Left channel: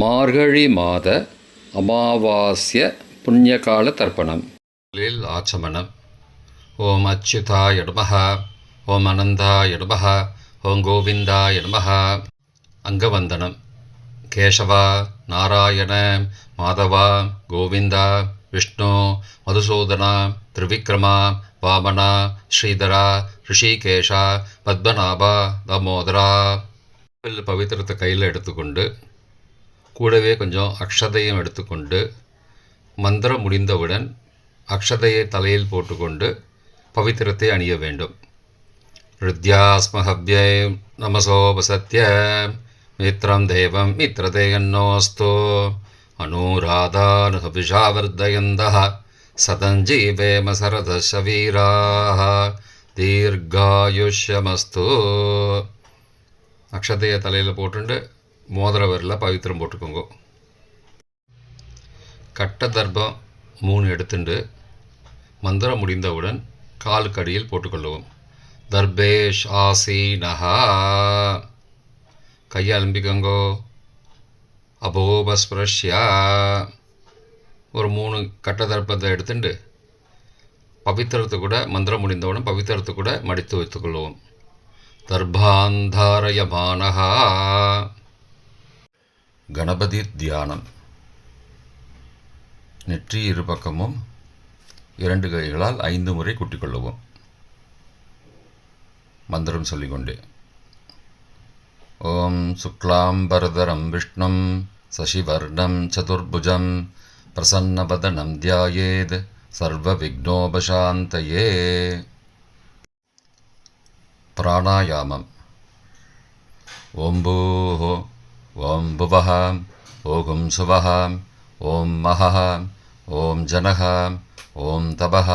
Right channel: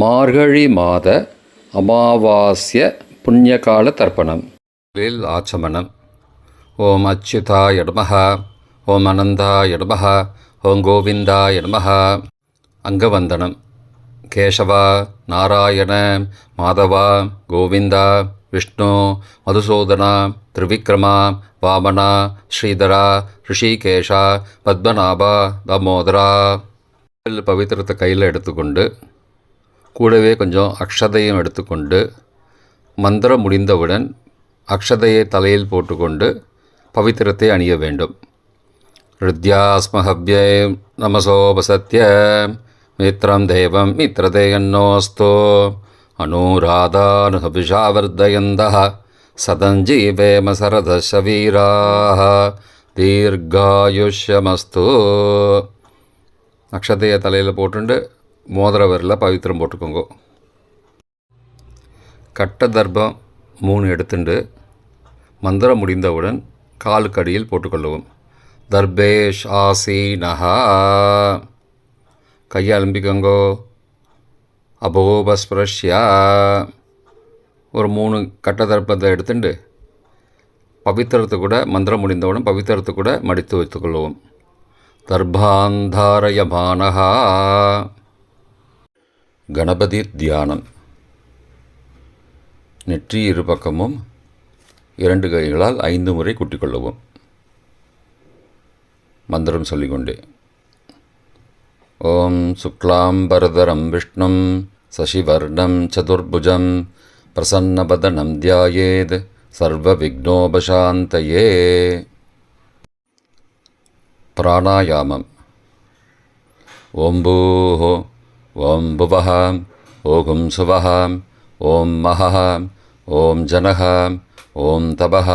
மார்கழி மாத அமாவாஸ்ய புண்ணியகால தர்ப்பணம். ஆச்சமனம். ஓம் அச்சுதாய நமஹ, ஓம் அனந்தாய நமஹ, ஓம் கோவிந்தாய நமஹ. அங்கவந்தனம். கேசவா, நாராயண, மாதவா, கோவிந்தா, விஷ்ணு, மதுசூதனா, திரிவிக்ரமா, வாமனா, ஸ்ரீதரா, ரிஷிகேஷா, பத்மநாபா, தாமோதரா. பவித்திரத்தை கையில் எடுத்துக்கொண்டு கூடவே கொஞ்சம் அக்ஷதையும் எடுத்துக்கொண்டு மந்திரம் முடிந்தவுடன் அக்ஷதையை தலையில் போட்டுக்கொண்டு பவித்திரத்தை அணிய வேண்டும். ருத்யாஸ்மஹவ்யே நமசோபசத்ய மித்ரம் தேவம் மித்ரதேயன்னோஸ்தோ அனுராதானுஹவிஷாவர்தயந்தः சதஞ்சீவேம சரதசவீராः தீர்காயுஷ்யமஸ்து. அக்ஷதையை தலையில் போட்டுண்டு மோதிர விரலில் பவித்திரம் போட்டுக்கோங்க. கட்ட தர்ப்பம் 3 எடுத்துண்டு மந்திரம் முடிந்தவுடன் காலுக்கடியில் போட்டுக்கொள்ளவும். தர்பேஷ் ஆசீனஹா. கையை அலம்பிக்கோங்கோ. அபோபஸ்பிரஷ்யா. ஒரு 3 கட்ட தர்ப்பத்தை எடுத்துட்டு பவித்திரத்தை கூட மந்திரம் முடிந்தவுடன் பவித்திரத்தை கூட மடித்து வைத்துக்கொள்வோம். தர்பாந்தாரயமானஹா. கணபதி தியானம். நெற்றி இரு பக்கமும் 2 கைகளால் 5 முறை குட்டிக்கொள்ளவும். மந்திரம் சொல்லிக்கொண்டே. ஓம் சுக்லாம்பரதரம் விஷ்ணும் சசிவர்ணம் சதுர்புஜம் பிரசன்னபதனம் தியாயேத் சர்வ விக்னோபசாந்தயே. பிராணாயாமம். ஓம் பூஹோ, ஓம் புவஹ, ஓம் சுவஹ, ஓம் மஹஹ, ஓம் ஜனஹ, ஓம் தபஹ,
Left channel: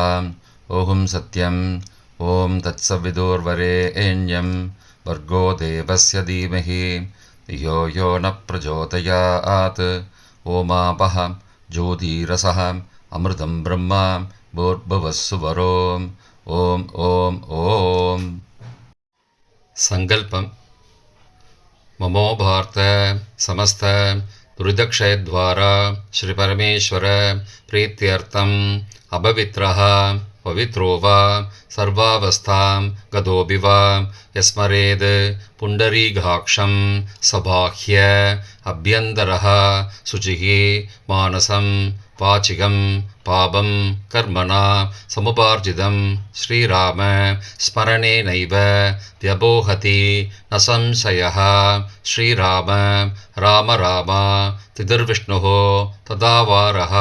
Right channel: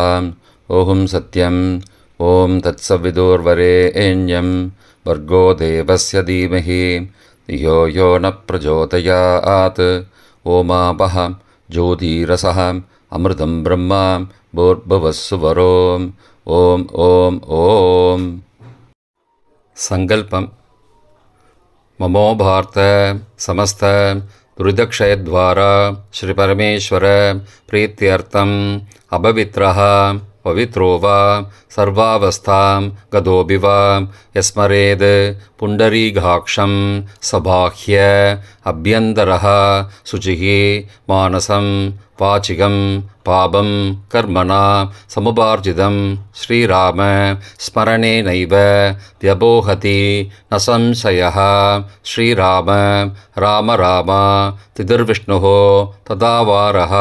ஓம் சத்யம், ஓம் தத்சவிதுர்வரேண்யம் வர்கோ தேவஸ்ய தீமஹி தியோ யோ ந பிரச்சோதயாத். ஓமாபஹ ஜோதிரசஹ அமிர்தம் பிரம்மா பூர்புவஸ்ஸுவரோம். ஓம் ஓம் ஓம். சங்கல்பம். மமோபார்த்த சமஸ்த துரிதக்ஷயத்வாரா ஸ்ரீ பரமேஸ்வர பிரீத்தியர்த்தம் அபவித்ரஹ பவித்ரோ வா சர்வாவஸ்தாம் கதோபி வா யஸ்மரேத் புண்டரீகாக்ஷம் சபாஹ்ய அப்யந்தரஹ சுச்சிஹி மானசம் வாச்சிகம் பாபம் கர்மணா சமுபார்ஜிதம் ஸ்ரீராம ஸ்மரணேனைவ வ்யபோஹதி ந சம்சயः. ஸ்ரீராம ராம ராம திதிர்விஷ்ணுः ததாவாரः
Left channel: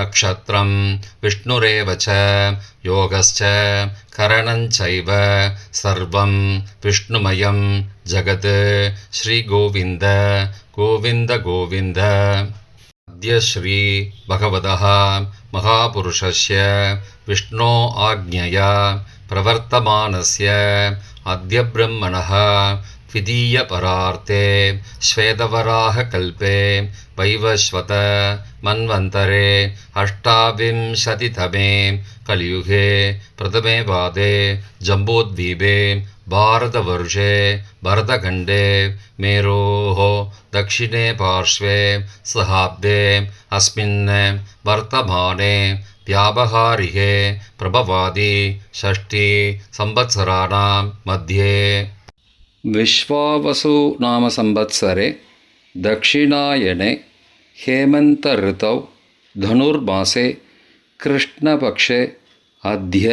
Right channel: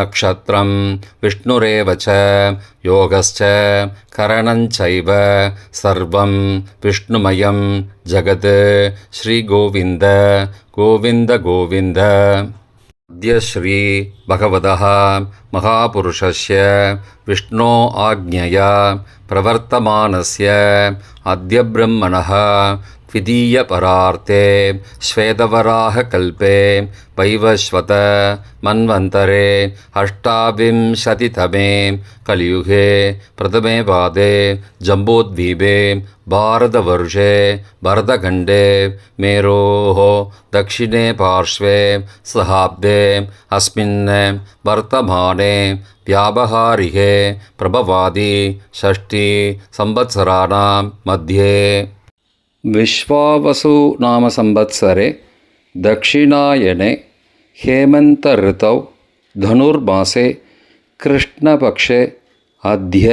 நக்ஷத்ரம் விஷ்ணுரேவ ச யோகஸ்ச கரணஞ்சைவ சர்வம் விஷ்ணுமயம் ஜகத். ஸ்ரீகோவிந்த கோவிந்த கோவிந்த. அத்ய ஸ்ரீ பகவதः மகாபுருஷஸ்ய விஷ்ணோ ஆக்ஞயா பிரவர்த்தமானஸ்ய அத்ய பிரம்மணः த்விதீய பரார்த்தே ஸ்வேதவராக கல்பே வைவஸ்வத மன்வந்தரே அஷ்டாவிம்சதிதமே கலியுகே பிரதமே பாதே ஜம்போத்வீபே பாரதவர்ஷே பரதகண்டே மேரோः दक्षिणे पार्श्वे सहाब्दे अस्मिन् वर्तमाने व्यावहारिके प्रभवादि षष्ठी संवत्सराणां मध्ये विश्वावसु नाम संवत्सरे दक्षिणायने हेमन्त ऋतौ धनुर्मासे कृष्णपक्षे अद्य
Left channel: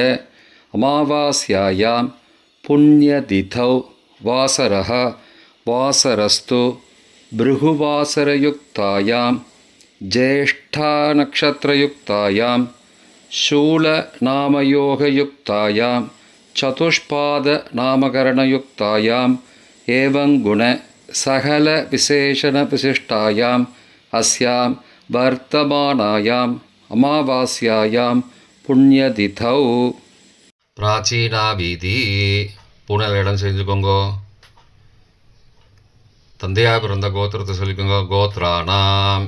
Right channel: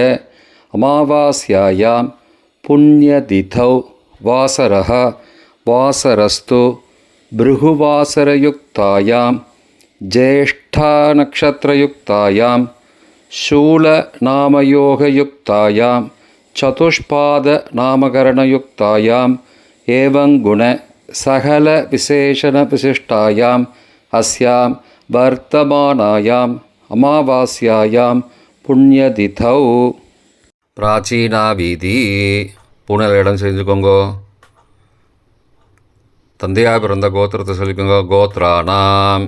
अमावास्यायां पुण्यतिथौ वासरः वासरस्तु भृगुवासरयुक्तायां ज्येष्ठानक्षत्रयुक्तायां शूलनामयोगयुक्तायां चतुष्पादनामकरणयुक्तायाम् एवं गुण सकलविशेषणविशिष्टायाम् अस्यां वर्तमानायाम् अमावास्यायां पुण्यतिथौ. प्राचीना வீதி. பூனல் இடம் செஞ்சுக்கோங்கோ. தந்தையாக பிறந்த கோத்திரத்தை சொல்லிக்கோங்க. கோத்ரானாம்.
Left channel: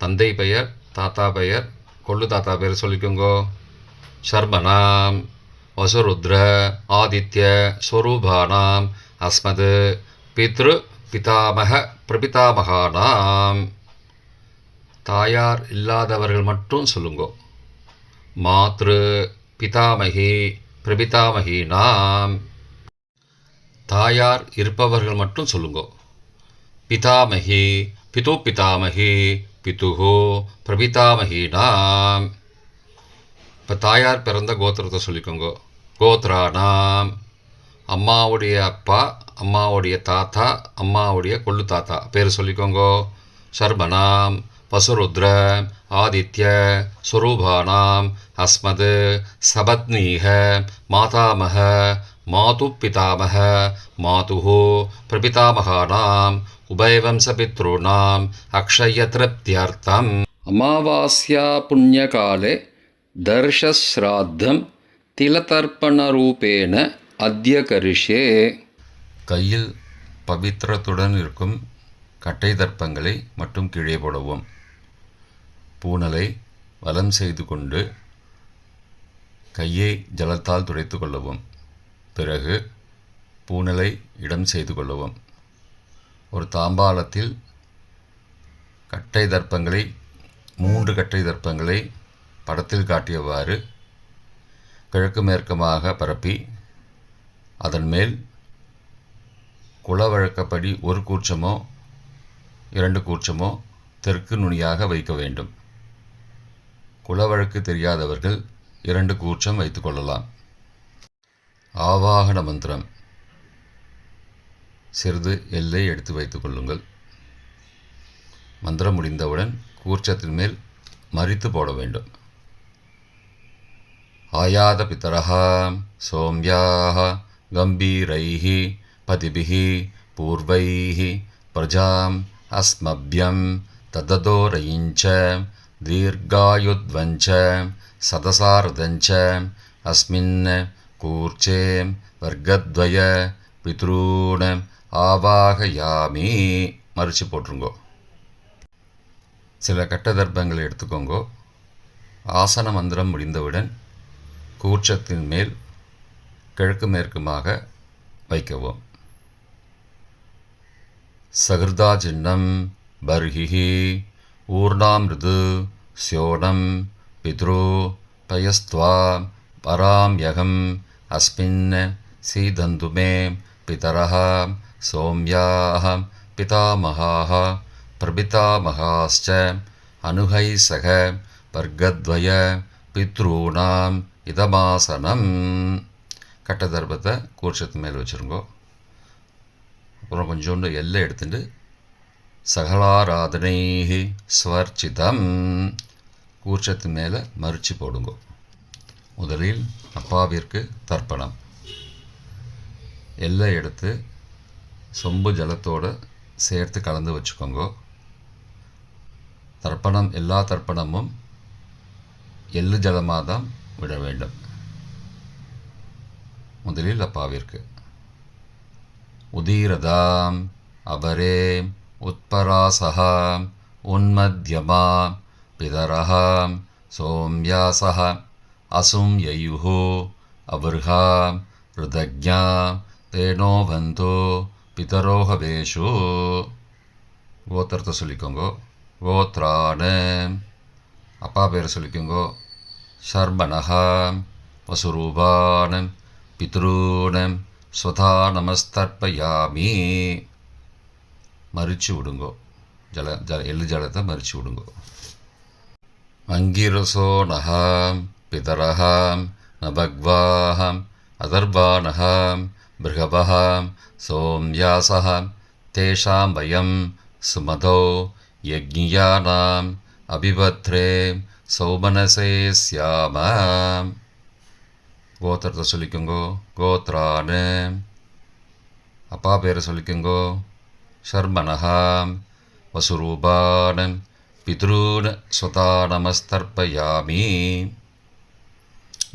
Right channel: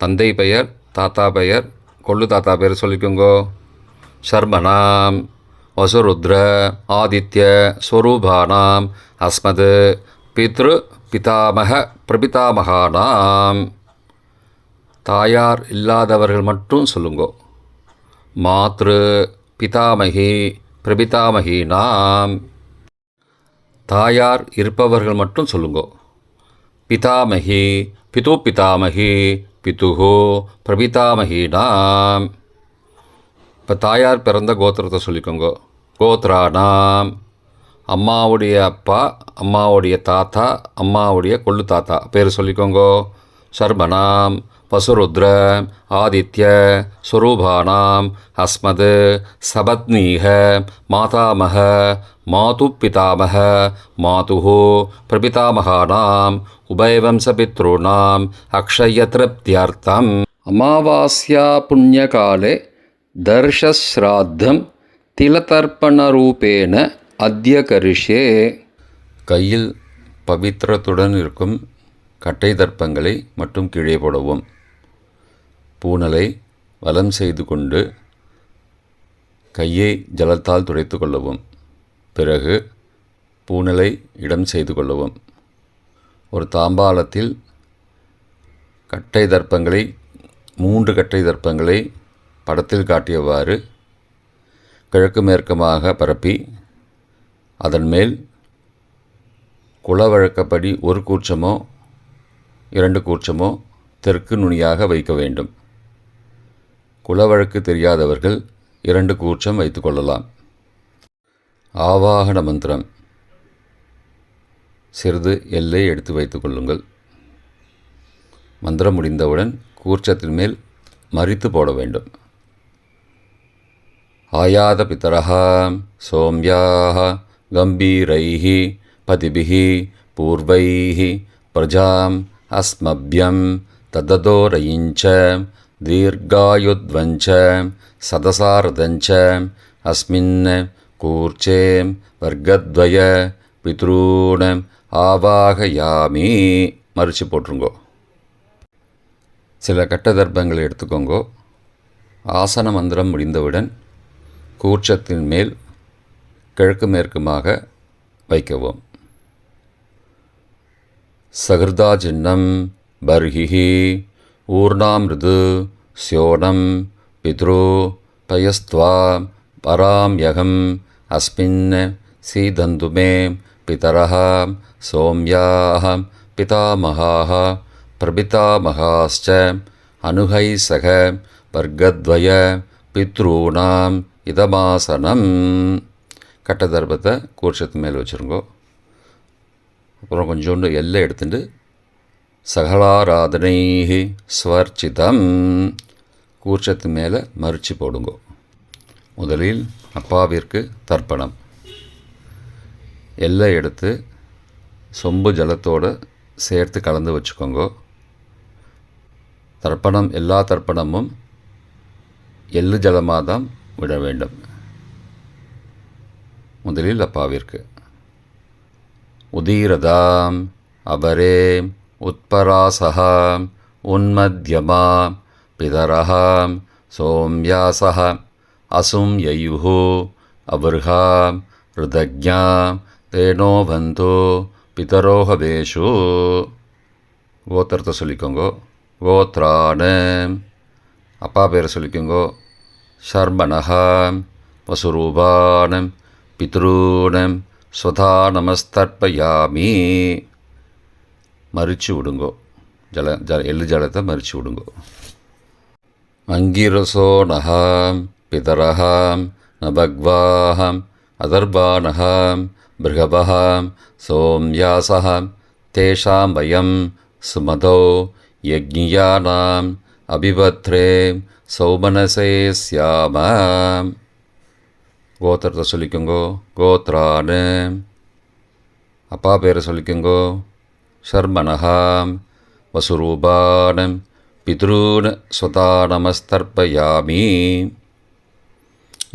தந்தை பெயர், தாத்தா பெயர், கொள்ளு தாத்தா பெயர் சொல்லிக்கோங்கோ. சர்மனாம் வசுருத்ர ஆதித்ய ஸ்வரூபானாம் அஸ்மத் பித்ரு பிதாமக பிரபிதாமகானாம். தாயார் இல்லாதவர்கள் மட்டும் சொல்லுங்கோ. மாத்ரு பிதாமகி பிரபிதாமகீனாம். தாயார் இருப்பவர்கள் மட்டும் சொல்லுங்கோ. பிதாமகி பிது பிதாமகி பிதுஹோ பிரபிதாமகீனாம். இப்போ தாயார் பிறந்த கோத்திரத்தை சொல்லிக்கோங்க. கோத்ரானாம். அம்மாவுடைய அப்பா, அம்மாவுடைய தாத்தா, அம்மாவுடைய கொள்ளு தாத்தா பேர் சொல்லிக்கோங்க. சர்மனாம் வசுருத்ர ஆதித்ய ஸ்வரூபானாம் அஸ்மத் சபத்னீக மாதாமக மாது பிதாமக மாதுஹோ பிரபிதாமகானாம் உபயவம்சபித்ருணாம் அக்ஷயத்ருப்தியர்த்தம் அமாவாஸ்யா புண்ணியகாலே தர்ஷஸ்ராத்தம் திலதர்ப்பணரூபேண அத்ய கரிஷ்யே. கையில் பவித்திரத்துடன் இருக்கும் கட்டை தர்ப்பங்களை மட்டும் கீழே போடவும். பூனலை வலம் செய்து கொண்டு கையை ஜலத்தால் துடைத்து கொள்ளவும். பிறகு பூனலை இடம் செய்து கொள்ளவும். ஒரு தாம்பாளத்தில் கட்டை தர்ப்பங்களை 3 கட்டை தர்ப்பங்களை படத்தில் காட்டியவாறு கிழக்கு மேற்கமாக பரப்பி அதன் மேல் குலவழக்கப்படி 1 கூர்ச்சமோ 2 கூர்ச்சமோ தெற்கு நுனியாக வைக்க வேண்டும். குலவழக்கு தெரியாதவர்கள் 2 கூர்ச்சம் வைத்து கொள்ளலாம். ஆவாகன மந்திரம். சிறிது எல்லை எடுத்து வைத்து கொள்ளுங்கள். மந்திரம் முடிந்தவுடன் கூர்ச்சத்தின் மேல் மறித்து போட வேண்டும். ஆயாத பிதரஹ சோம்யாஹ கம்பீரைஹி பதிபிஹி பூர்வைஹி பிரஜாம் அஸ்மப்யம் தததோரயிஞ்ச தீர்காயுத்வஞ்ச சதசாரதஞ்ச அஸ்மின் கூர்ச்சே வர்க்கத்வய பித்ரூண ஆவாகயாமி. மறித்து போட்டுருங்கோ. சில கட்ட தர்ப்பங்களை எடுத்துக்கோங்கோ. ஆசன மந்திரம் முடிந்தவுடன் கூர்ச்சத்தின் மேல் கிழக்கு மேற்குமாக வைக்கவும். சகிருதா சின்னம் பர்ஹிஹி ஊர்ணாமிருது ஸ்யோனம் பித்ரு பயஸ்த்வா பராம்யகம் அஸ்மின் சீதந்துமே பிதரஹ சோம்யாஹ பிதாமகாஹ பிரபிதாமகாஸ்ச அனுகை சக வர்க்கத்வய பித்ரூணாம் இதமாசனம். கட்ட தர்ப்பத்தை கூர்ச்சத்து மேலே வச்சுருங்கோ. அப்புறம் கொஞ்சோண்டு எல்லை எடுத்துட்டு சகலாராதனை ஸ்வர்ச்சிதம் கூர்ச்சத்து மேலே மறித்து போடுங்கோ. முதலில் அப்பாவிற்கு தர்ப்பணம். எல்லை எடுத்து சொம்பு ஜலத்தோடு சேர்த்து கலந்து வச்சுக்கோங்க. தர்ப்பணம் எல்லா தர்ப்பணமும் எள்ளு ஜலமாக தான் விட வேண்டும். முதலில் அப்பாவிற்கு உதீரதாம் அபரே உத்பராசஹ உன்மத்யமா பிதரஹ சோம்யாசஹ அசும் யயுஹு அபர்ஹா ருதக்ஞா தேனோ பந்தோ பிதரோஹவேஷு. கோத்திரத்தை சொல்லிக்கோங்கோ. கோத்ரான. அப்பா பேரை சொல்லிக்கோங்கோ. சர்மணஹ வசுரூபான பித்ரூன ஸ்வதா நமஸ்தர்ப்பயாமி. மறித்து விடுங்கோ. எள்ளு ஜலத்தை மறித்து விடுங்கோ. அங்கிரசோ நஹாம் பிதரஹாம் நபக்வாஹாம் அதர்வானஹாம் பிருகபஹாம் சோம்யாசஹாம் தேஷாம் வயம் சுமதோ யக்ஞியானாம் அபிபத்ரே சௌமனசே ஸ்யாமாம். கோத்திரத்தை சொல்லிக்கோங்கோ. கோத்ரானு. அப்பா பேரை சொல்லிக்கோங்கோ. சர்மனஹாம் வசுரூபானம் பித்ரூன் ஸ்வதா நமஸ்தர்ப்பயாமி.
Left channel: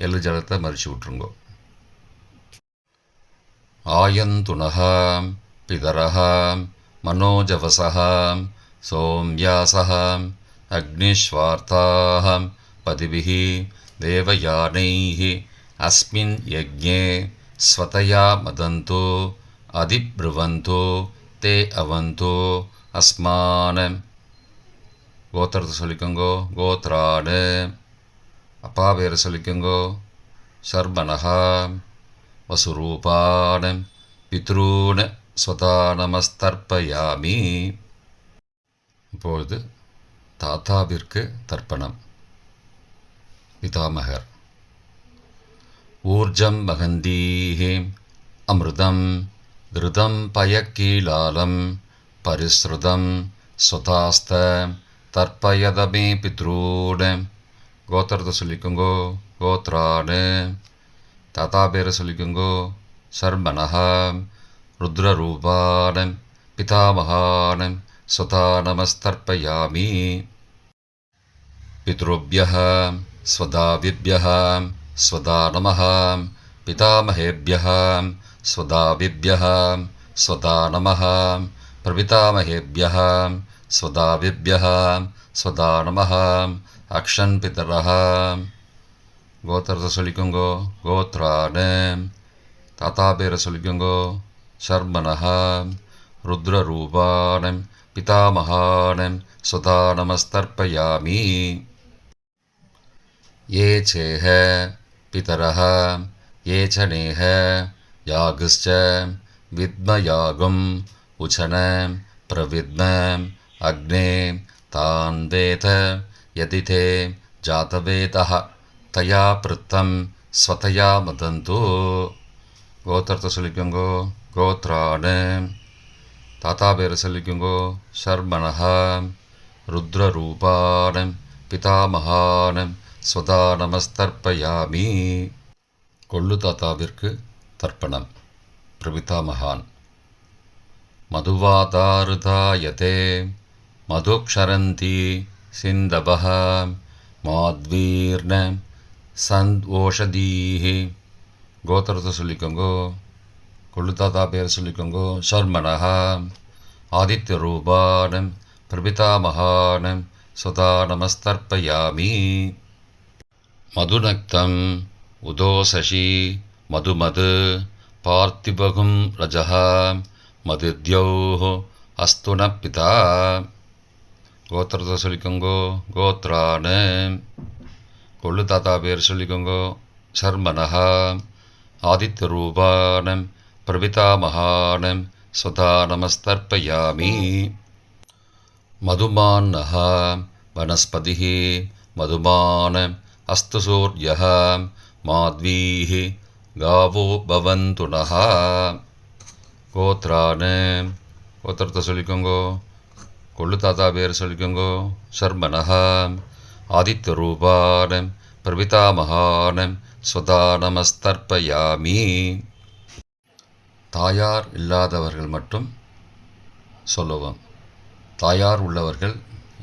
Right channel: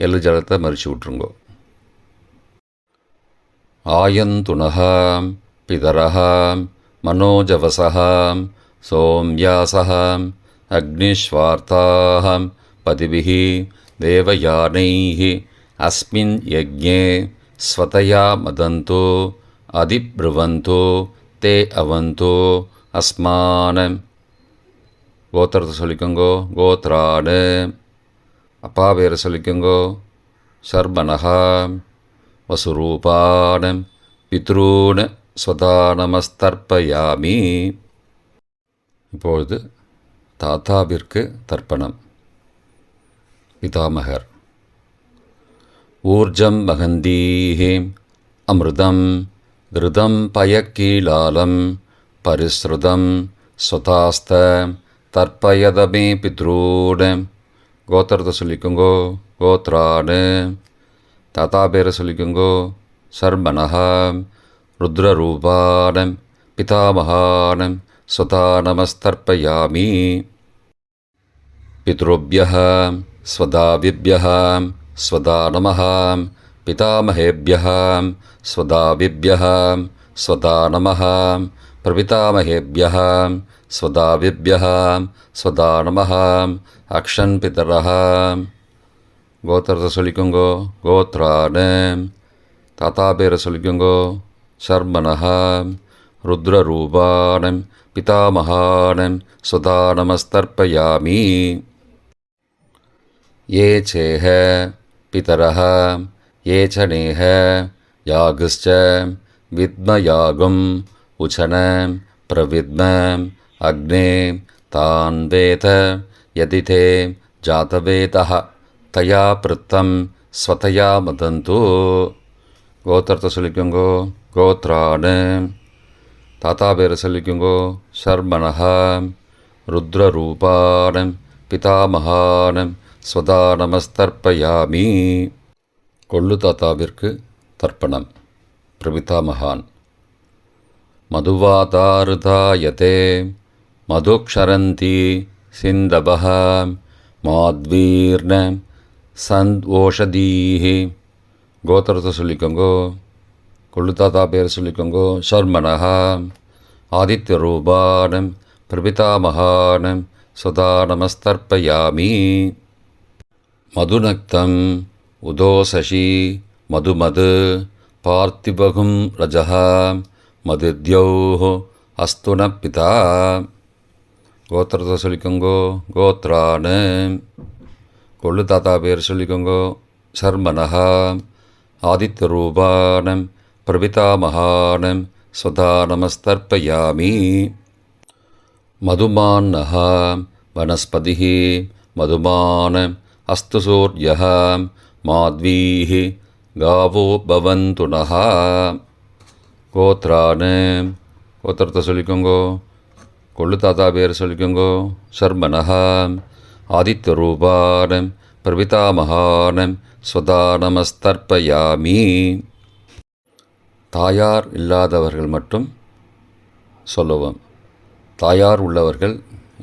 எள்ளு ஜலத்தை மறித்து விட்ருங்கோ. ஆயந்துனஹாம் பிதரஹாம் மனோஜவசஹாம் சோம்யாசஹாம் அக்னிஸ்வார்த்தாஹாம் பதிபிஹி தேவயானைஹி அஸ்மின் யஜ்ஞே ஸ்வதயா மதந்தோ அதிப்ருவந்தோ தே அவந்தோ அஸ்மான். கோத்திரத்தை சொல்லிக்கோங்கோ கோத்ராடு. அப்பா பேரை சொல்லிக்கோங்கோ சர்பனஹா. வசுரூபான் பித்ரூன் ஸ்வதா நமஸ்தர்ப்பயாமி. இப்பொழுது தாத்தாவிற்கு தர்ப்பணம். பிதாமகர். ஊர்ஜம் மகந்தீஹி அமிர்தம் கிருதம் பயக்கீலாலம் பரிஸ்ருதம் ஸ்வதாஸ்த தர்ப்பயதமே பித்ரூன். கோத்திரத்தை சொல்லிக்கோங்கோ கோத்ராடு. தாத்தா பேரை சொல்லிக்கோங்கோ சர்மனஹா. ருத்ரரூபான் பிதாமகான் ஸ்வதா நமஸ்தர்ப்பயாமி. பித்ருभ्यः स्वदाविभ्यः स्वदा नमः. पितामहेभ्यः स्वदाविभ्यः स्वदा नमः. प्रपितामहेभ्यः स्वदाविभ्यः स्वदा नमः. अक्षन् पितरः. கோத்திரத்தை சொல்லிக்கோங்கோ கோத்ராடு. தாத்தா பேரை சொல்லிக்கோங்கோ சர்மனஹா. ருத்ரரூபான் பிதாமகான் ஸ்வதா நமஸ்தர்ப்பயாமி. ये चेह पितरः ये च नेह यागश्च विद्मयागुम् उचन प्रविद्म अग्ने तान् वेद यदि ते जातवेदः तया पृत्तं स्वतया मदन्तु. கோத்திரத்தை சொல்லிக்கோங்கோ கோத்ராடு. தாத்தா பேரை சொல்லிக்கோங்கோ சர்மனஹா. ருத்ரரூபான் பிதாமகான் ஸ்வதா நமஸ்தர்ப்பயாமி. கொள்ளு தாத்தாவிற்கு தர்ப்பணம். பிரபிதாமகான். மதுவாதாருதாயதே மதுக்ஷரந்தி சிந்தவஹ மாத்வீர்ண சந்த்வோஷதீஹி. கோத்திரத்தை சொல்லிக்கோங்கோ கொள்ளு தாத்தா பேர் சொல்லிக்கோங்கோ சர்மனஹா. ஆதித்யரூபான் பிரபிதாமகான் ஸ்வதா நமஸ்தர்ப்பயாமி. மதுநக்தம் உதோசசி மதுமது பார்த்திபகும் ரஜः மதுத்யௌः அஸ்துன பிதா. கோத்திரத்தை சொல்லிக்கோங்கோ கோத்ராடு. கொள்ளு தாத்தா பேர் சொல்லிக்கோங்கோ சர்மனஹா. ஆதித்யரூபான் பிரபிதாமகான் ஸ்வதா நமஸ்தர்ப்பயாமி. மதுமான்னः வனஸ்பதிः மதுமான் அஸ்து சூர்யः மாத்வீः காவோ பவந்து நः. கோத்ராடு. கோத்திரத்தை சொல்லிக்கோங்கோ கொள்ளு தாத்தா பேர் சொல்லிக்கோங்கோ சர்மனஹா. ஆதித்யரூபான் பிரபிதாமகான் ஸ்வதா நமஸ்தர்ப்பயாமி. தாயார் இல்லாதவர்கள் மட்டும் சொல்லவும். தாயார் உள்ளவர்கள்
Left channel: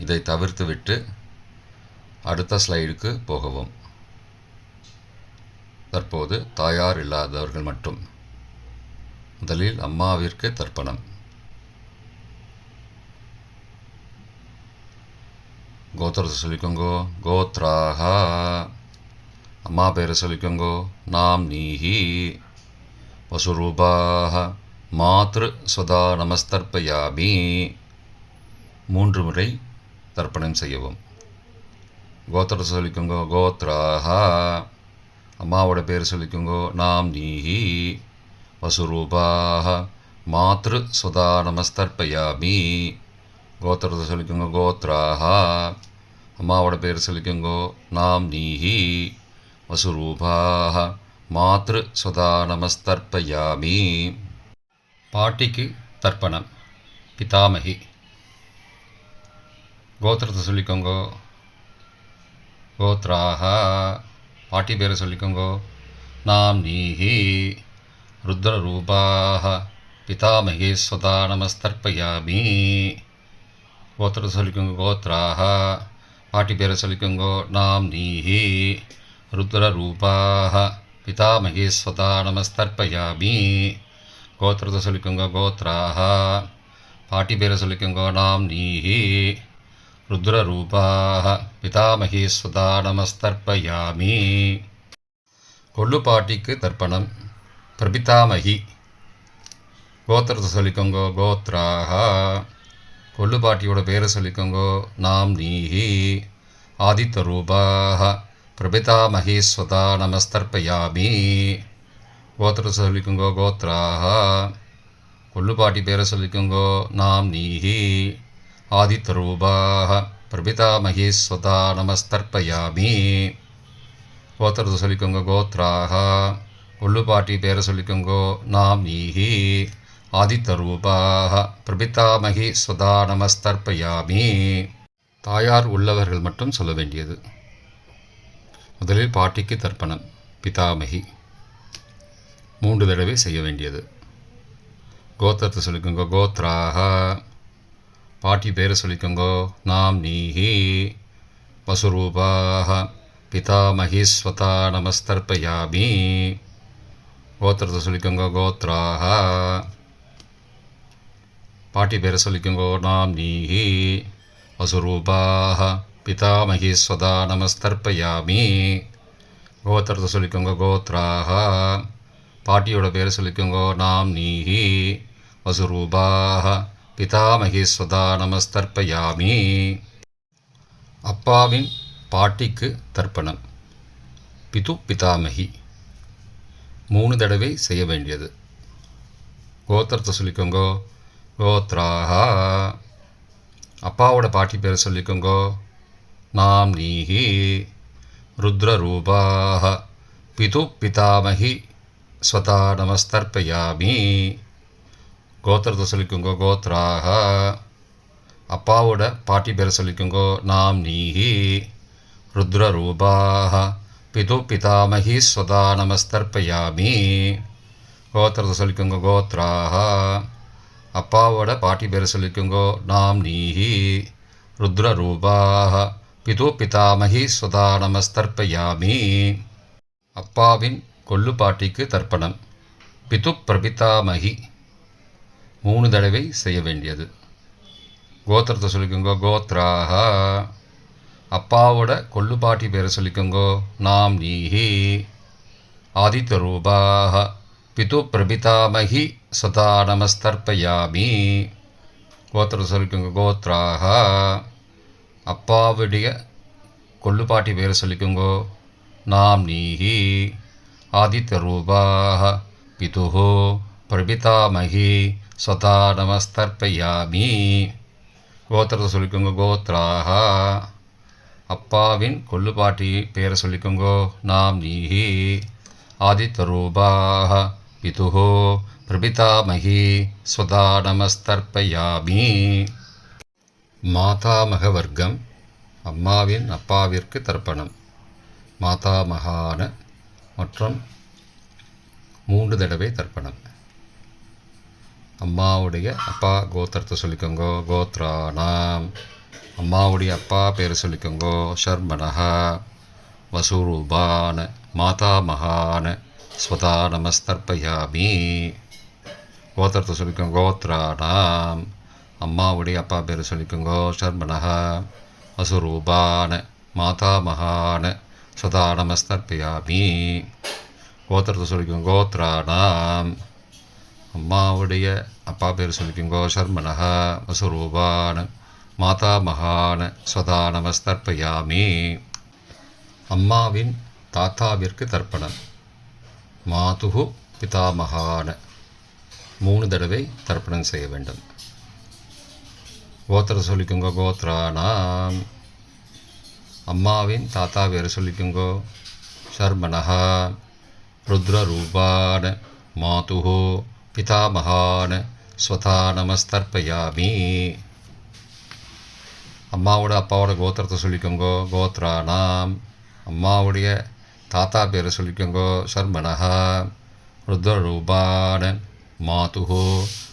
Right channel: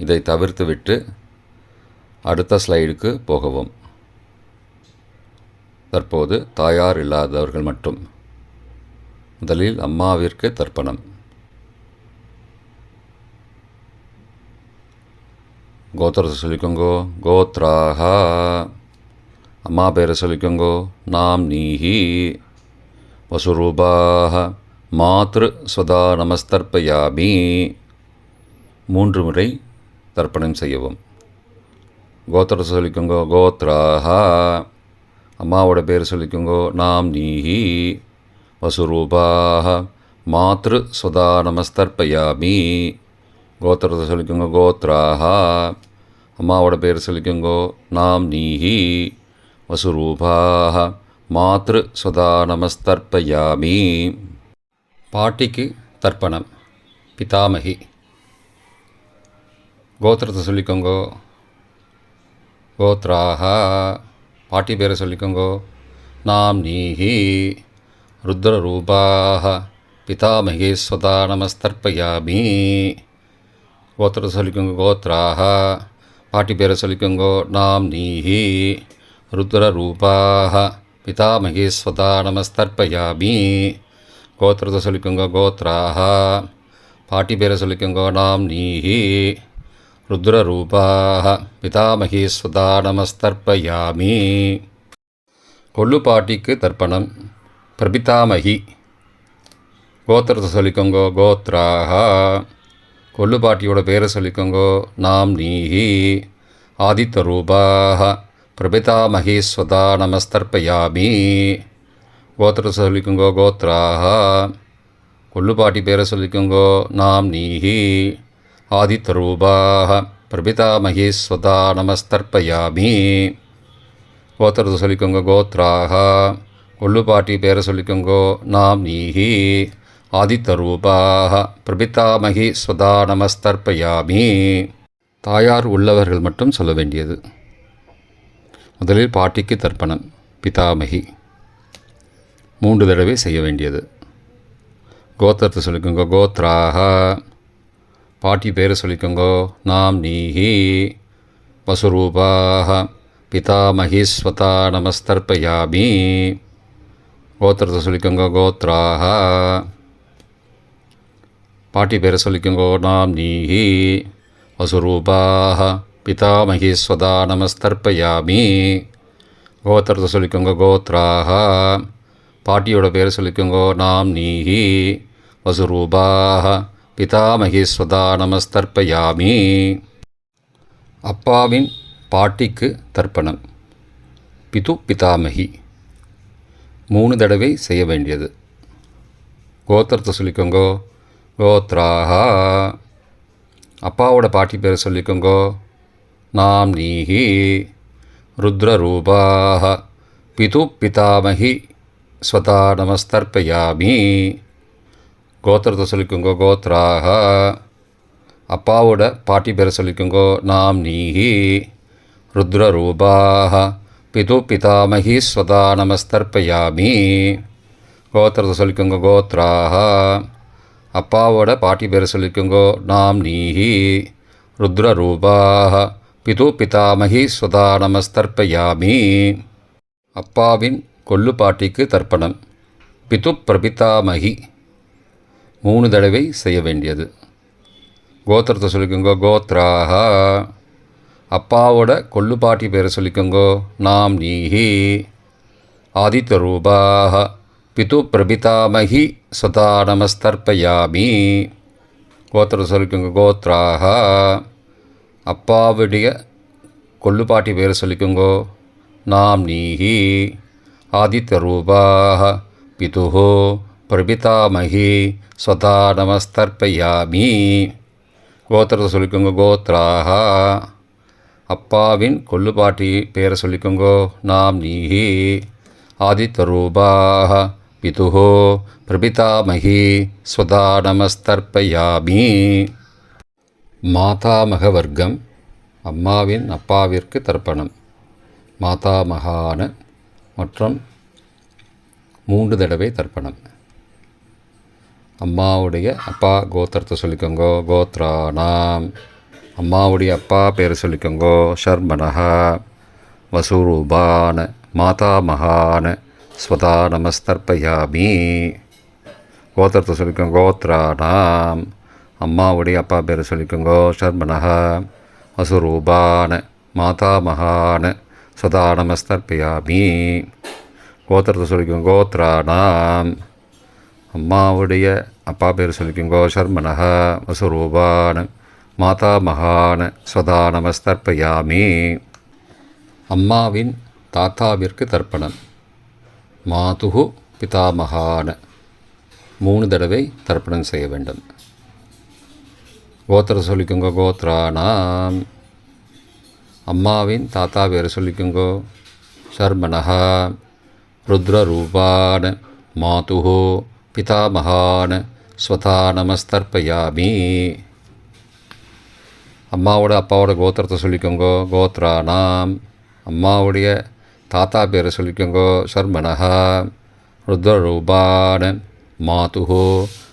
இதை தவிர்த்துவிட்டு அடுத்த ஸ்லைடுக்கு போகவும். தற்போது தாயார் இல்லாதவர்கள் மட்டும். முதலில் அம்மாவிற்கு தர்ப்பணம். கோத்திரத்தை சொல்லிக்கோங்கோ கோத்ராஹா. அம்மா பேரை சொல்லிக்கோங்கோ நாம் நீஹி. வசுரூபாஹ மாத்ரு ஸ்வதா நமஸ்தர்ப்பயாமி. 3 முறை தர்ப்பணம் செய்யவும். கோத்திரத்தை சொல்லிக்கோங்கோ கோத்ராஹா. அம்மாவோட பேர் சொல்லிக்கோங்கோ நாம் நீஹி. வசுரூபாஹ மாத்ரு ஸ்வதா நமஸ்தர்ப்பயாமி. கோத்திரத்தை சொல்லிக்கோங்கோ கோத்ராஹா. அம்மாவோட பேர் சொல்லிக்கோங்கோ நாம் நீஹி. வசுரூபாஹ மாத்ரு ஸ்வதா நமஸ்தர்ப்பயாமி. பாட்டிக்கு தர்ப்பணம். பிதாமகி. கோத்திரத்தை சொல்லிக்கோங்கோ கோத்ராஹா. பாட்டி பேரை சொல்லிக்கோங்கோ நாம் நீஹி. ருத்ரரூபாஹ பிதாமகி ஸ்வதா நமஸ்தர்ப்பயாமி. கோத்திரத்தை சொல்லிக்கோங்கோ கோத்ராஹா. பாட்டி பேரை சொல்லிக்கோங்கோ நாம் நீஹி. ருத்ரரூபாஹ பிதாமகி ஸ்வதா நமஸ்தர்ப்பயாமி. கோத்திரத்தை சொல்லிக்கோங்கோ கோத்ராஹா. பாட்டி பேரை சொல்லிக்கோங்கோ நாம் நீஹி. ருத்ரரூபாஹ பிதாமகி ஸ்வதா நமஸ்தர்ப்பயாமி. கொள்ளு பாட்டிக்கு தர்ப்பணம். பிரபிதாமகி. கோத்திரத்தை சொல்லிக்கோங்கோ கோத்ராஹா. கொள்ளுப்பாட்டியோட பேரை சொல்லிக்கோங்கோ நாம் நீஹி. ஆதித்த ரூபாக பிரபிதாமகி ஸ்வதா நமஸ்தர்ப்பயாமி. கோத்திரத்தை சொல்லிக்கோங்கோ கோத்ராஹா. கொள்ளுப்பாட்டி பேரை சொல்லிக்கோங்கோ நாம் நீஹி. ஆதித்த ரூபாக பிரபிதாமகி ஸ்வதா நமஸ்தர்ப்பயாமி. கோத்திரத்தை சொல்லிக்கோங்க கோத்ராஹா. கொள்ளுப்பாட்டி பேரை சொல்லிக்கோங்கோ நாம் நீஹி. ஆதித்த ரூபாக பிரபிதாமகி ஸ்வதா நமஸ்தர்ப்பயாமி. தாயார் உள்ளவர்கள் மட்டும் சொல்ல வேண்டியது. முதலில் பாட்டிக்கு தர்ப்பணம். பிதாமகி 3 தடவை செய்ய வேண்டியது. கோத்திரத்தை சொல்லிக்கோங்க கோத்ராஹா. பாட்டி பேரை சொல்லிக்கோங்கோ நாம் நீஹி. வசுரூபாக பிதாமகி ஸ்வதா நமஸ்தர்ப்பயாமி. கோத்திரத்தை சொல்லிக்கோங்க கோத்ராஹா. பாட்டி பேரை சொல்லிக்கோங்கோ நாம் நீஹி. வசுரூபாக பிதாமகி ஸ்வதா நமஸ்தர்ப்பயாமி. கோத்திரத்தை சொல்லிக்கோங்க கோத்ராஹா. பாட்டியோட பேரை சொல்லிக்கோங்கோ நாம் நீஹி. வசுரூபாக பிதாமகி ஸ்வதா நமஸ்தர்ப்பயாமி. அப்பாவின் பாட்டிக்கு தர்ப்பணம். பிது பிதாமகி 3 தடவை செய்ய வேண்டியது. கோத்திரத்தை சொல்லிக்கோங்கோ கோத்ராஹா. அப்பாவோட பாட்டி பேரை சொல்லிக்கோங்கோ நாம் நீஹி. ருத்ரரூபாக பிது பிதாமகி ஸ்வதா நமஸ்தர்ப்பயாமி. கோத்திரத்தை சொல்லிக்கோங்கோ கோத்ராஹா. அப்பாவோட பாட்டி பேரை சொல்லிக்கோங்கோ நாம் நீஹி. ருத்ரரூபாக பிது பிதாமகி ஸ்வதா நமஸ்தர்ப்பயாமி. கோத்திரத்தை சொல்லிக்கோங்க கோத்ராஹா. அப்பாவோட பாட்டி பேரை சொல்லிக்கோங்கோ நாம் நீஹி. ருத்ரரூபாக பிது பிதாமகி ஸ்வதா நமஸ்தர்ப்பயாமி. அப்பாவின் கொள்ளுப்பாட்டிக்கு தர்ப்பணம். பிது பிரபிதாமகி 3 தடவை செய்ய வேண்டியது. கோத்திரத்தை சொல்லிக்கோங்கோ கோத்ராஹா. அப்பாவோட கொள்ளுப்பாட்டி பேரை சொல்லிக்கோங்கோ நாம் நீஹி. ஆதித்த ரூபாக பிது பிரபிதாமகி ஸ்வதா நமஸ்தர்ப்பயாமி. கோத்திரத்தை சொல்லிக்கோங்க கோத்ராஹா. அப்பாவுடைய கொள்ளுப்பாட்டி பேரை சொல்லிக்கோங்கோ நாம் நீஹி. ஆதித்த ரூபாக பிதுஹோ பிரபிதாமகி ஸ்வதா நமஸ்தர்ப்பயாமி. கோத்திரத்தை சொல்லிக்கோங்க கோத்ராஹா. அப்பாவின் கொள்ளுப்பாட்டி பேரை சொல்லிக்கோங்கோ நாம் நீஹி. ஆதித்த ரூபாக பிதுஹோ பிரபிதாமகி ஸ்வதா நமஸ்தர்ப்பயாமி. மாதாமக வர்க்கம். அம்மாவின் அப்பாவிற்கு தர்ப்பணம். மாதாமகான மற்றும் 3 தடவை தர்ப்பணம். அம்மாவுடைய அப்பா கோத்திரத்தை சொல்லிக்கோங்கோ கோத்ரானாம். அம்மாவுடைய அப்பா பேரை சொல்லிக்கோங்கோ ஷர்மனஹா. வசுரூபான மாதாமகான ஸ்வதா நமஸ்தர்ப்பயாமி. கோத்திரத்தை சொல்லிக்கோங்க கோத்ரானாம். அம்மாவுடைய அப்பா பேரை சொல்லிக்கோங்கோ ஷர்மனஹா. வசுரூபான மாதாமகான ஸ்வதா நமஸ்தர்ப்பயாமி. கோத்திரத்தை சொல்லிக்கோங்க கோத்ரானாம். அம்மாவுடைய அப்பா பேர் சொல்லிக்கோங்கோ ஷர்மனஹா. வசுரூபான மாதாமகான ஸ்வதா நமஸ்தர்ப்பயாமி. அம்மாவின் தாத்தாவிற்கு தர்ப்பணம். மாதுகு பிதாமகான 3 தடவை தர்ப்பணம் செய்ய வேண்டும். கோத்திர சொல்லிக்கோங்க கோத்ரானாம். அம்மாவின் தாத்தா பேர் சொல்லிக்கோங்கோ ஷர்மனஹா. ருத்ரரூபான மாதுஹோ பிதாமகான ஸ்வதா நமஸ்தர்ப்பயாமி. அம்மாவோட அப்பாவோட கோத்திரத்தை சொல்லிக்கோங்கோ கோத்ரானாம். அம்மாவுடைய தாத்தா பேரை சொல்லிக்கோங்கோ ஷர்மனஹா. ருத்ரரூபான மாதுஹோ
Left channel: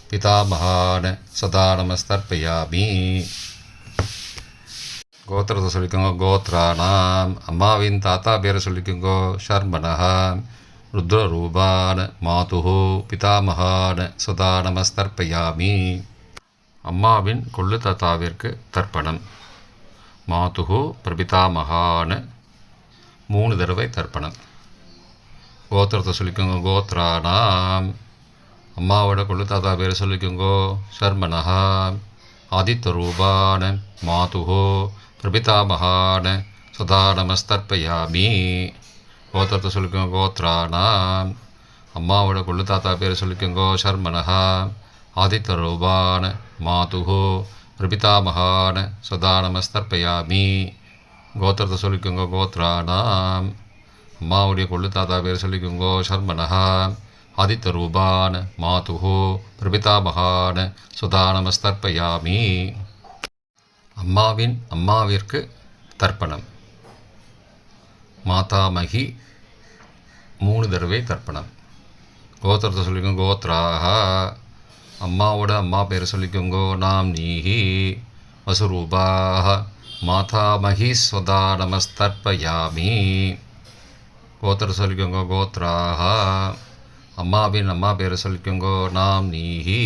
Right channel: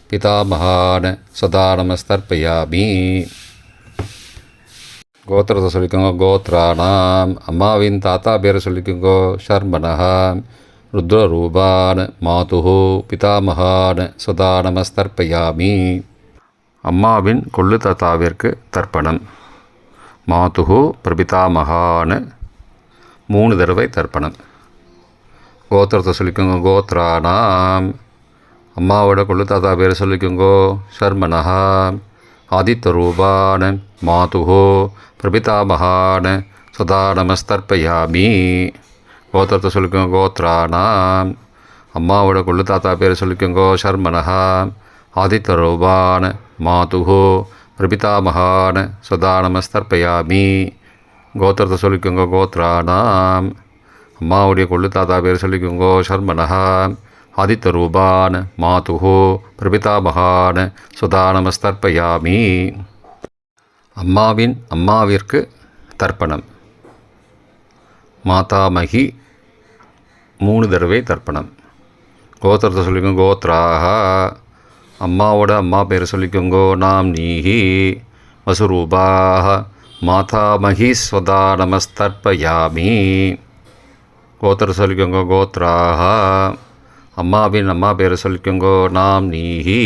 பிதாமகான ஸ்வதா நமஸ்தர்ப்பயாமி. கோத்திரத்தை சொல்லிக்கோங்க கோத்ரானாம். அம்மாவின் தாத்தா பேரை சொல்லிக்கோங்கோ ஷர்மனஹா. ருத்ரரூபான மாதுஹோ பிதாமகான ஸ்வதா நமஸ்தர்ப்பயாமி. அம்மாவின் கொள்ளு தாத்தாவிற்கு தர்ப்பணம். மாதுஹோ பிரபிதாமகான 3 தடவை தர்ப்பணம். கோத்திரத்தை சொல்லிக்கோங்க கோத்ரானாம். அம்மாவோட கொள்ளு தாத்தா பேர் சொல்லிக்கோங்கோ. சர்மனஹா. ஆதித்யரூபான மாதுஹோ பிரபிதாமகான சதா நமஸ்தர்ப்பயாமி. கோத்திரத்தை சொல்லிக்கோங்க. கோத்ரானாம். அம்மாவோட கொள்ளு தாத்தா பேர் சொல்லிக்கோங்கோ. சர்மனஹா. ஆதித்யரூபான மாதுஹோ பிரபிதாமகான சதா நமஸ்தர்ப்பயாமி. கோத்திரத்தை சொல்லிக்கோங்க. கோத்ரானாம். அம்மாவுடைய கொள்ளு தாத்தா பேர் சொல்லிக்கோங்கோ. சர்மனஹா. ஆதித்யரூபான மாதுஹோ பிரபிதாமகான சுதா நமஸ்தர்ப்பயாமி. அம்மாவிற்கு தர்ப்பணம். மாதாமகி 3 தடவை தர்ப்பணம். கோத்திரத்தை சொல்லிக்கோங்க. கோத்ராஹா. அம்மாவோட அம்மா பேர் சொல்லிக்கோங்கோ. நாம் நீஹி வசுரூபாஹ மாதாமகி ஸ்வதா நமஸ்தர்ப்பயாமி. கோத்திரத்தை சொல்லிக்கோங்க. கோத்ராஹா. அம்மாவின் அம்மா பேர் சொல்லிக்கோங்கோ. நாம் நீஹி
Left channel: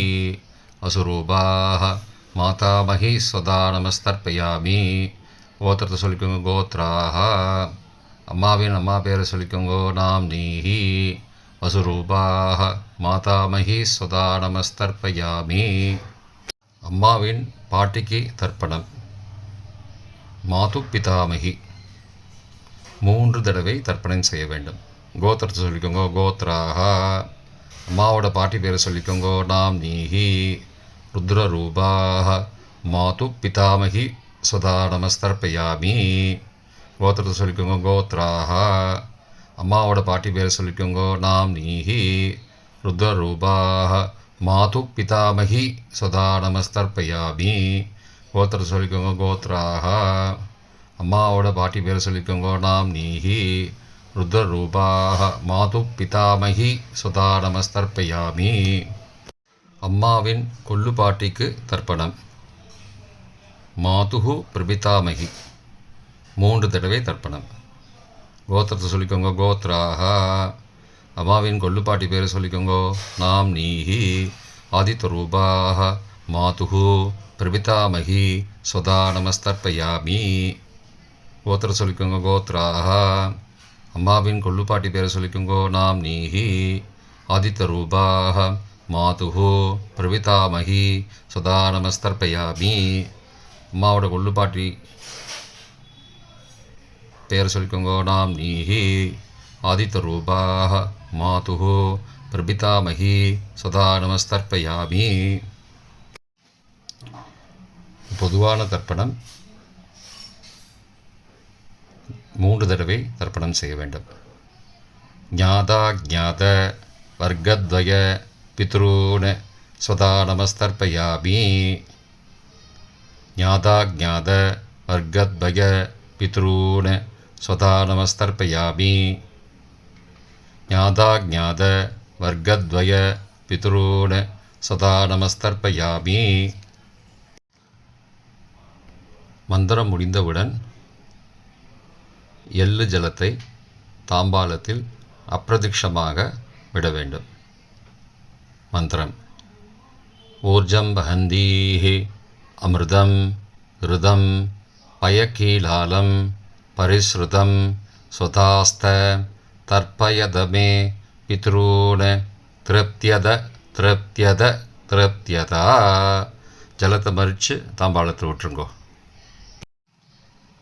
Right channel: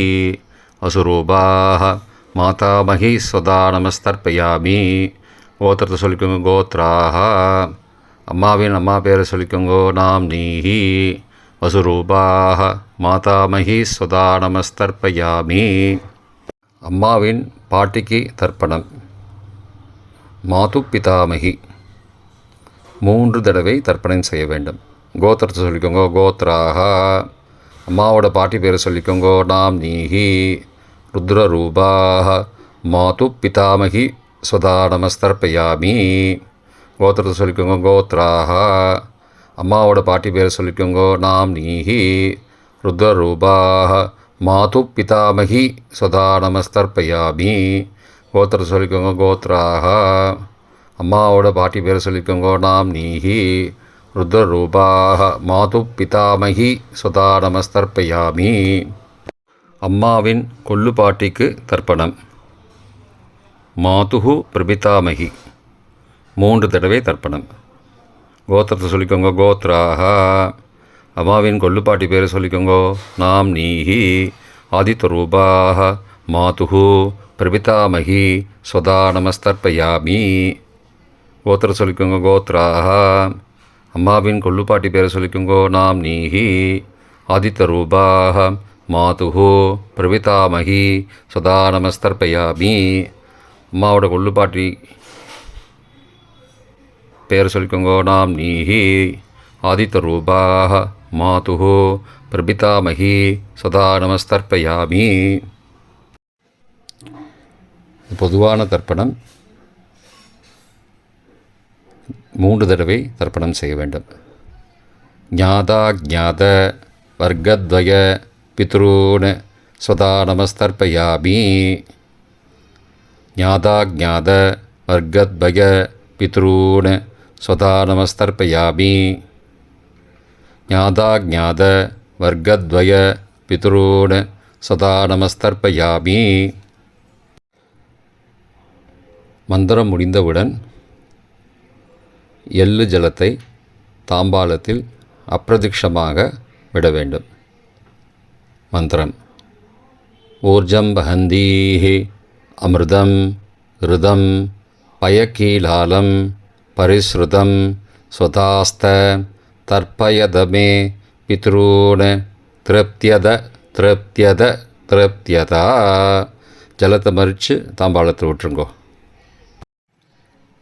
வசுரூபாஹ மாதாமகி ஸ்வதா நமஸ்தர்ப்பயாமி. கோத்திரத்தை சொல்லிக்கோங்க. கோத்ராஹா. அம்மாவின் அம்மா பேரை சொல்லிக்கோங்கோ. நாம் நீஹி வசுரூபாஹ மாதாமகி ஸ்வதா நமஸ்தர்ப்பயாமி. அம்மாவின் பாட்டிக்கு தர்ப்பணம். மாது பிதாமகி 3 தடவை தர்ப்பணம் செய்ய வேண்டும். கோத்திரத்தை சொல்லிக்கோங்க. கோத்ராஹா. அம்மாவோட பாட்டி பேரை சொல்லிக்கோங்கோ. நாம் நீஹி ருத்ரரூபாஹ மாது பிதாமகி ஸ்வதா நமஸ்தர்ப்பயாமி. கோத்திரத்தை சொல்லிக்கோங்க. கோத்ராஹா. அம்மாவோட பாட்டி பேரை சொல்லிக்கோங்கோ. நாம் நீஹி ருத்ரரூபாஹ மாது பிதாமகி ஸ்வதா நமஸ்தர்ப்பயாமி. கோத்திரத்தை சொல்லிக்கோங்க. கோத்ராஹா. அம்மாவோட பாட்டி பேரை சொல்லிக்கோங்கோ. நாம் நீஹி ருத்ரரூபாஹ மாது பிதாமகி ஸ்வதா நமஸ்தர்ப்பயாமி. அம்மாவின் கொள்ளு பாட்டிக்கு தர்ப்பணம். மாதுஹு பிரபிதாமகி 3 தடவை தர்ப்பணம். கோத்திரத்தை சொல்லிக்கோங்க. கோத்ராஹா. அம்மாவின் கொள்ளு பாட்டி பேரை சொல்லிக்கோங்கோ. நாம் நீஹி ஆதித்யரூபாஹ மாதுஹு பிரபிதாமகி ஸ்வதா நமஸ்தர்ப்பயாமி. கோத்திரத்தை சொல்லிக்கோங்க. கோத்ராஹா. அம்மாவின் கொள்ளு பாட்டி பேரை சொல்லிக்கோங்கோ. நாம் நீஹி ஆதித்யரூபாஹ மாதுஹு பிரபிதாமகி ஸ்வதா நமஸ்தர்ப்பயாமி. அம்மாவோட கொள்ளு பாட்டி பேர் சொல்லிக்கோங்கோ. நாம் நீஹி ஆதித்யரூபாஹ மாதுஹு பிரபிதாமகி சதா நமஸ்தர்ப்பயாமி. பொதுவான தர்ப்பணம் 3 தடவை தர்ப்பணம் செய்ய வேண்டும். ஞாதா ஞாத வர்க்கத்வய பித்ரூன் ஸ்வதா நமஸ்தர்ப்பயாமி. ஞாதா ஞாத வர்க்கத்வய பித்ரூன் ஸ்வதா நமஸ்தர்ப்பயாமி. ஞாதா ஞாத வர்க்கத்வய பித்ரூன் சதா நமஸ்தர்ப்பயாமி. மந்திரம் முடிந்தவுடன் எள்ளு ஜலத்தை தாம்பாளத்தில் அப்பிரதிக்ஷமாக விட வேண்டும். மந்திரம். ஊர்ஜம் வஹந்தீஹி அமிர்தம் ருதம் பயக்கீலாலம் பரிஸ்ருதம் ஸ்வதாஸ்த தர்ப்பயதமே பித்ரூன் திருப்தியத திருப்தியத திருப்தியதா. ஜலத்தை மறித்து தாம்பாளத்தை விட்டுருங்கோ.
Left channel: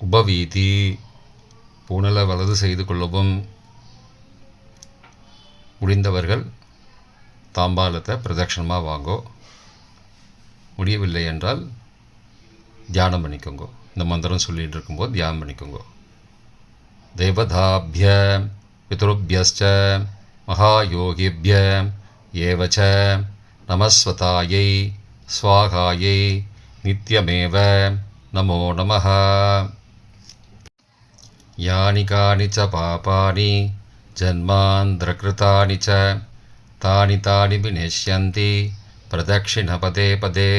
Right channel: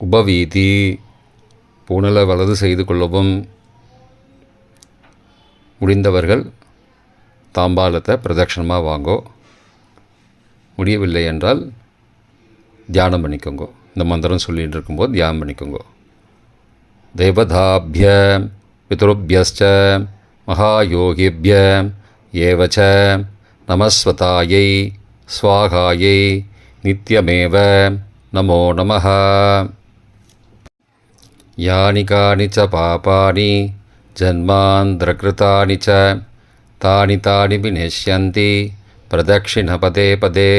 உபவீதி. புனலை வலது செய்து கொள்ளவும். முடிந்தவர்கள் தாம்பாளத்தை பிரதட்சணமாக வாங்கோ. முடியவில்லை என்றால் தியானம் பண்ணிக்கோங்க. இந்த மந்திரம் சொல்லிகிட்டு இருக்கும்போது தியானம் பண்ணிக்கோங்க. தேவதாபிய பித்ருபியஸ்ச மகாயோகிபிய ஏவச்ச நமஸ்வதாயை ஸ்வாகாயை நித்யமேவ நமோ நமஹ. யானி கானி ச பாபானி ஜன்மாந்திரகிருதானி ச தானி தானி விநஷ்யந்தி பிரதக்ஷிண பதே பதே.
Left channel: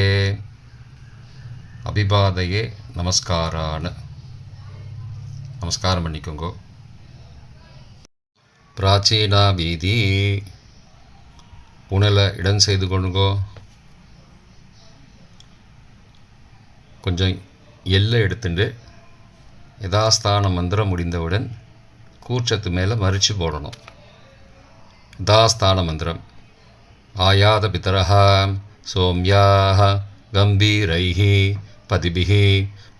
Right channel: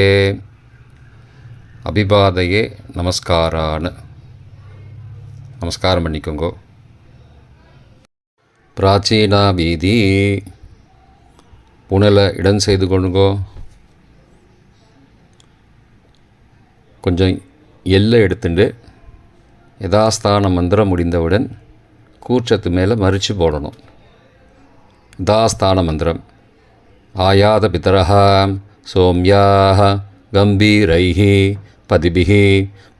அபிபாதையே நமஸ்காரான்னு நமஸ்காரம் பண்ணிக்கோங்கோ. பிராச்சீனா வீதி. புனலை இடம் செய்து கொள்ளுங்கோ. கொஞ்சம் எல்லை எடுத்துட்டு யதாஸ்தான மந்திரம் முடிந்தவுடன் கூர்ச்சத்து மேலே மறித்து போடணும். யதாஸ்தான மந்திரம். आयातपितरः सौम्याः गम्भीरैः पदिभिः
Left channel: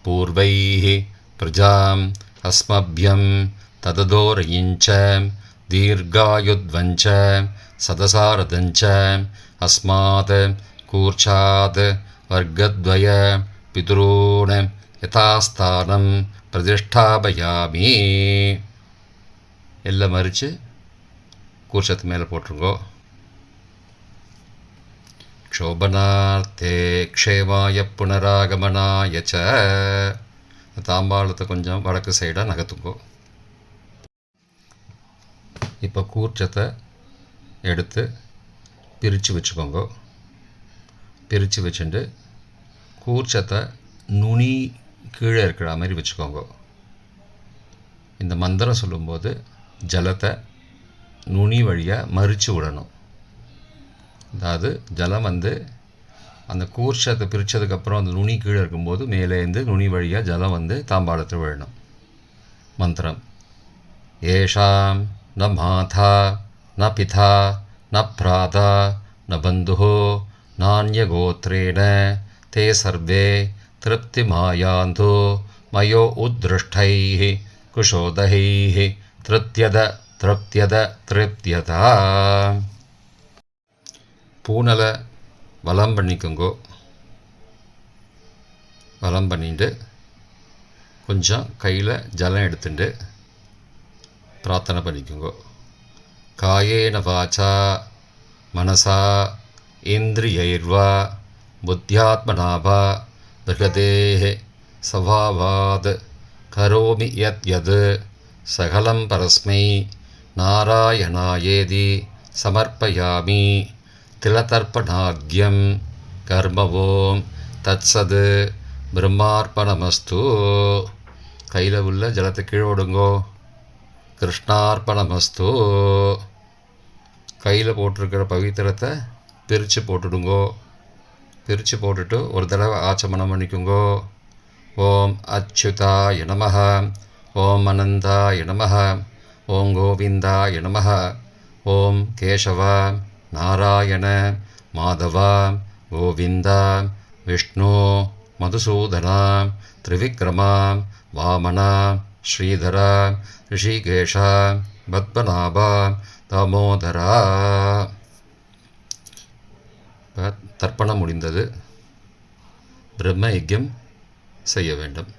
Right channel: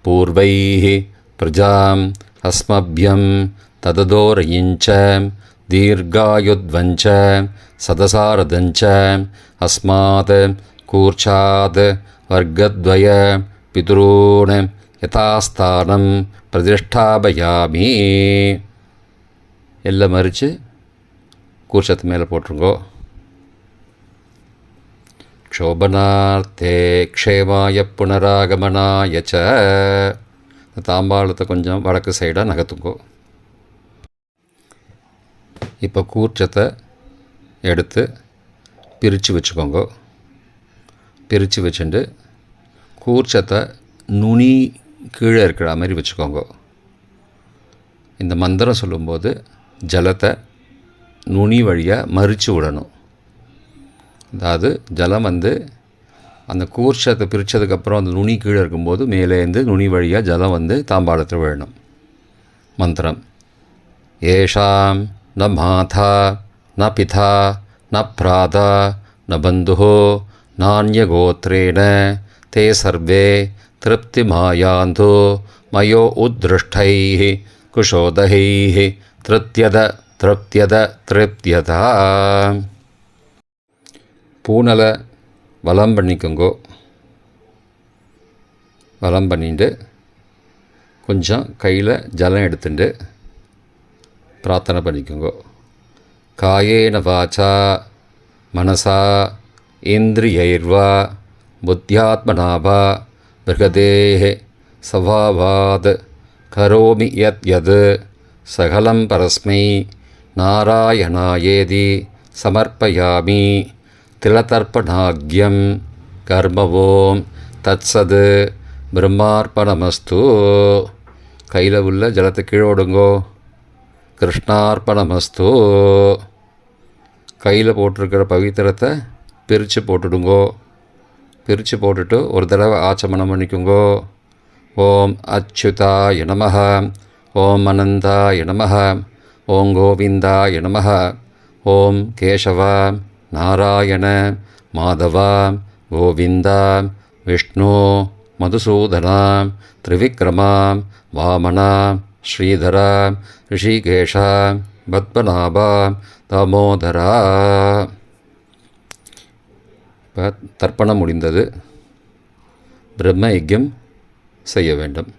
पूर्वैः प्रजाम् अस्मभ्यं तददोरयिञ्च दीर्घायुध्वञ्च सदसारदञ्च अस्मात् कूर्चात् वर्गद्वय पितॄन् यथास्थानं प्रतिष्ठापयामि. எல்லாம் மறித்து கூர்ச்சத்து மேலே போட்டுருங்கோ. க்ஷோபனார்த்தே க்ஷேமாய புனராகமனாய ச. தாம்பாளத்தை கொஞ்சம் வடக்கு சைடாக நகர்த்துங்கோ. இப்போ கூர்ச்சத்தை எடுத்து பிரித்து வச்சுக்கோங்க. பிரித்து வச்சுட்டு கூர்ச்சத்தை நுனி கீழே இருக்கிற மாதிரி வச்சுக்கோங்க. இந்த மந்திரம் சொல்லும்போது ஜலத்தை நுனி வழியாக மறித்து விடணும். அதாவது ஜலம் அந்த கூர்ச்சத்தை பிரித்ததுக்கப்புறம் அந்த நுனி கீழே இருக்கும்போது மேலேருந்து நுனி வழியாக ஜலம் தாம்பாளத்தில் விழணும். மந்திரம்: ஏஷாம் ந மாதா ந பிதா ந பிராதா ந பந்துஹோ நான்யகோத்ரேண தே சர்வே திருப்திமாயாந்தோ மயோ உத்ருஷ்டைः குஷோதகைः திருப்தியத திருப்தியத திருப்தியதா. பூனலை வலம் பண்ணிக்கோங்கோ. வலம் பண்ணிட்டு கொஞ்சம் கையில் ஜலம் எடுத்துட்டு பிரார்த்தனை பண்ணிக்கோங்கோ. காயேன வாச்சா மனசா இந்திரியைர்வா புத்தியாத்மனாவா பிருகதேஹ சவாவாத் கரோமி யத் யத் சகலம் பரஸ்மை நாராயணாயேதி சமர்ப்பயாமி. திலதர்ப்பணாக்யம் கர்மவோம் தத்சது பிரம்மார்ப்பணமஸ்து. கையில் உள்ள ஜலத்தை கீழோடுங்கோ. கிருஷ்ணார்ப்பணமஸ்து. கையில் போட்டிருக்கிற பவித்திரத்தை பிரித்து போட்டுடுங்கோ. பிரித்து போட்டுட்டு ஒரு தடவை ஆச்சமனம் பண்ணிக்கோங்கோ. ஓம் அச்சுதாய நமஹ, ஓம் அனந்தாய நமஹ, ஓம் கோவிந்தாய நமஹ, ஓம் கேசவா நாராயண மாதவா கோவிந்தா விஷ்ணு மதுசூதனா திரிவிக்ரமா வாமனா ஸ்ரீதரா ரிஷிகேஷா பத்மநாபா தாமோதரா. இப்போ தர்ப்பணம் முடிந்தது. பிரம்ம யஜ்யம் செய்ய வேண்டும்.